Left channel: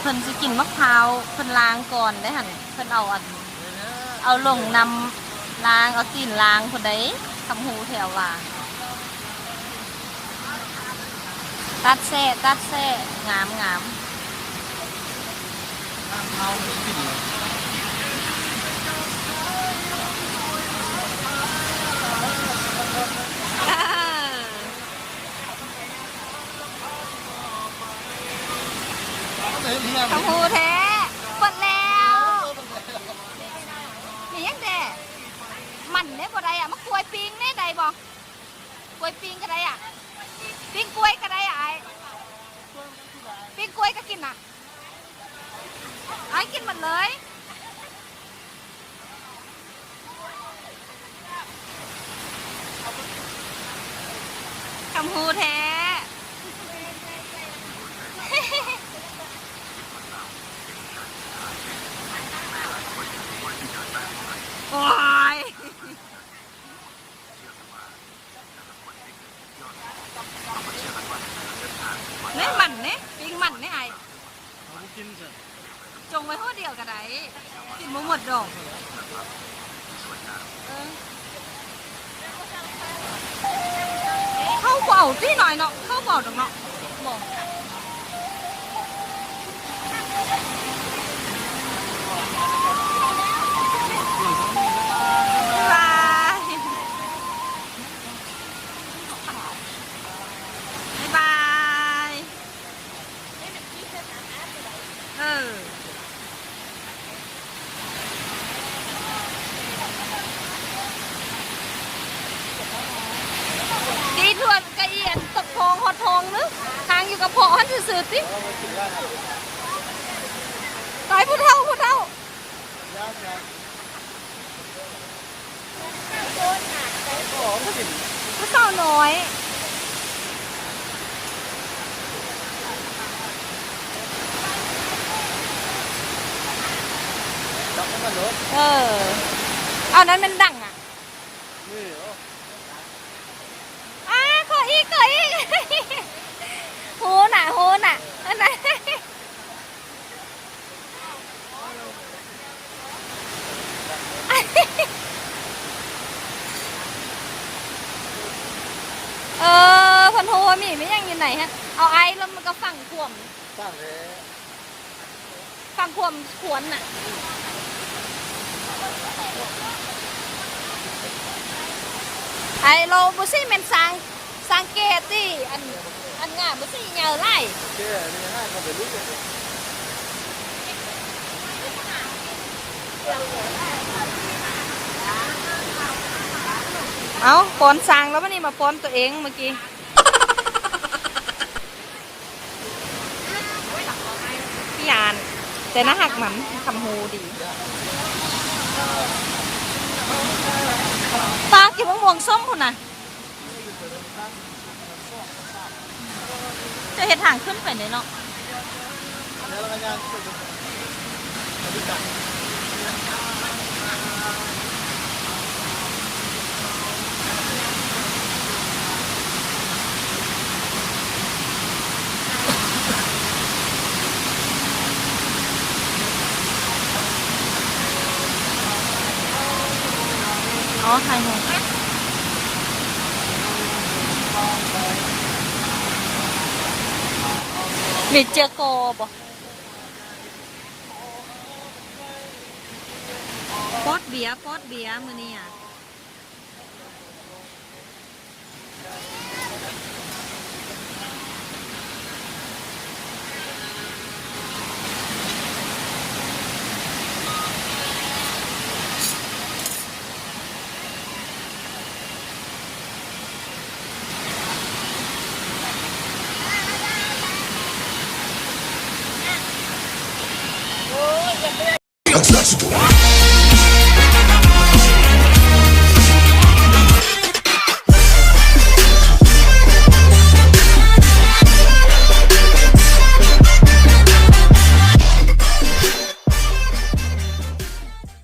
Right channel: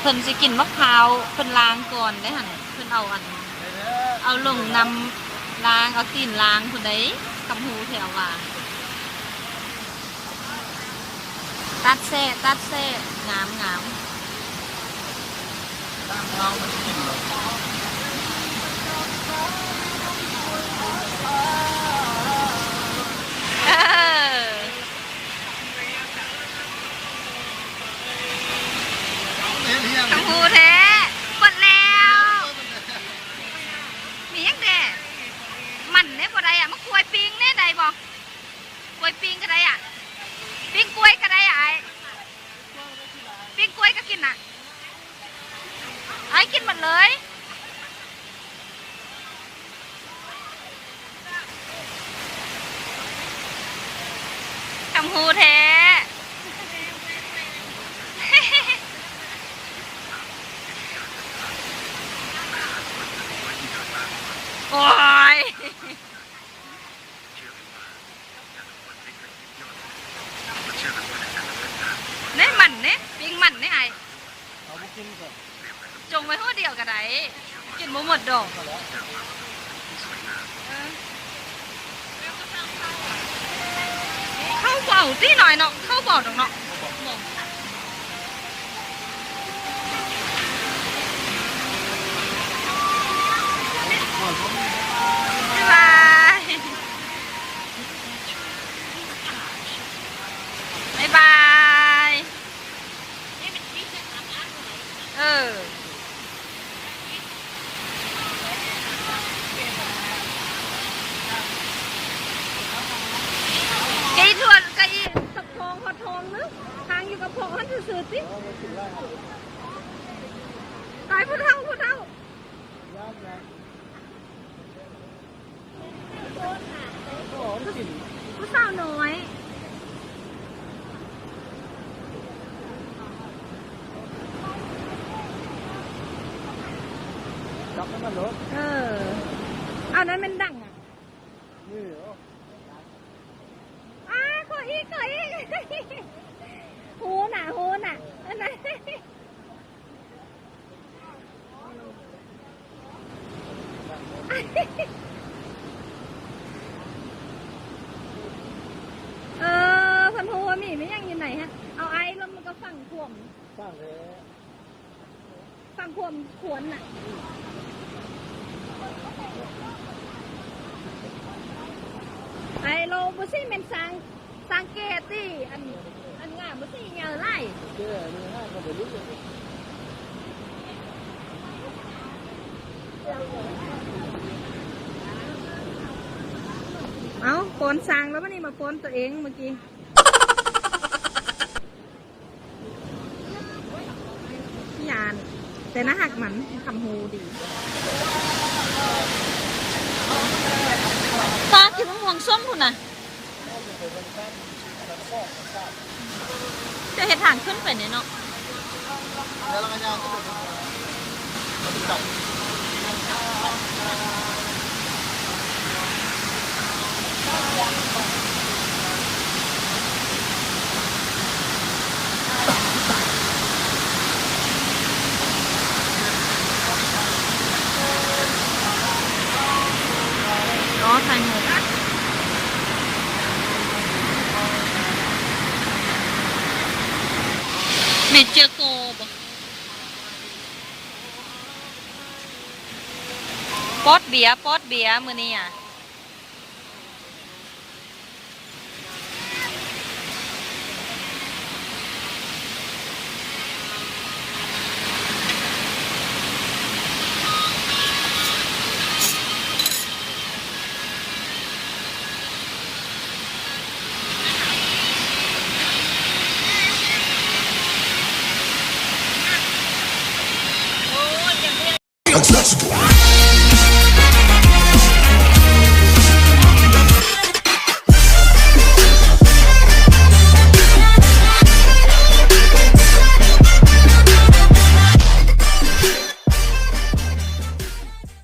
เพิ่นสิกินมะพร้าวเพิ่นล้างก่อนได้หั่นเพิ่นเอาลงนำล้างเอาตีนล้างเพิ่นได้คำหูแถวว่าตัดแซ่งามคำหูแท้เปิดแล้วมียังแด่มันเนี่ยบ่ได้อ่ะมะกล้วยปิงเนี่ยได้บ่กล้วยปิงก็ได้อ่ะปิงกล้วยก็ได้อ่ะไอ้ปิงกล้วยก็กินน่ะไอ้กินหมดเลยคำหูแท้โอ้ยเนี่ยมันเนี่ยปิงมันเนี่ยไอ้จงไว้หัวเดียวกันได้กินหมดดอกเข้าเบาตีหน่อยเนาะเข้าเบาดอกเนาะบอกบ๊ายบายบ๊ายบายกีทวนกะเอียนตกทองหอทองนึกทางอยู่กับพ่อฮันสื่อติตายผู้เฒ่าผู้สาวน้อยเอานั้นมันดังอ่ะขออีกโหน่ะอันนั้นพันโฮมีไม่ยังอยู่ไหนฮะเอาไอ้แล้วมันก็ฝั่งขวมขวนน่ะไอ้เราบุษเป็นสังเกตที่อันงามบุษเหงาไล่เอาป้อนสางแล้วมันนี่มาป้อนตัวเองเมื่อกี้พี่ยานแต่น่าหักมันคำฮูดีปลากินมะม่วงส้มคุณน่ะจะเห็นทางขึ้นไปเนี่ยเนาะอ๋อถ่ายหูมีเจอโกบ่ป๊อดเบียร์มือนี่อ่ะUntouchable.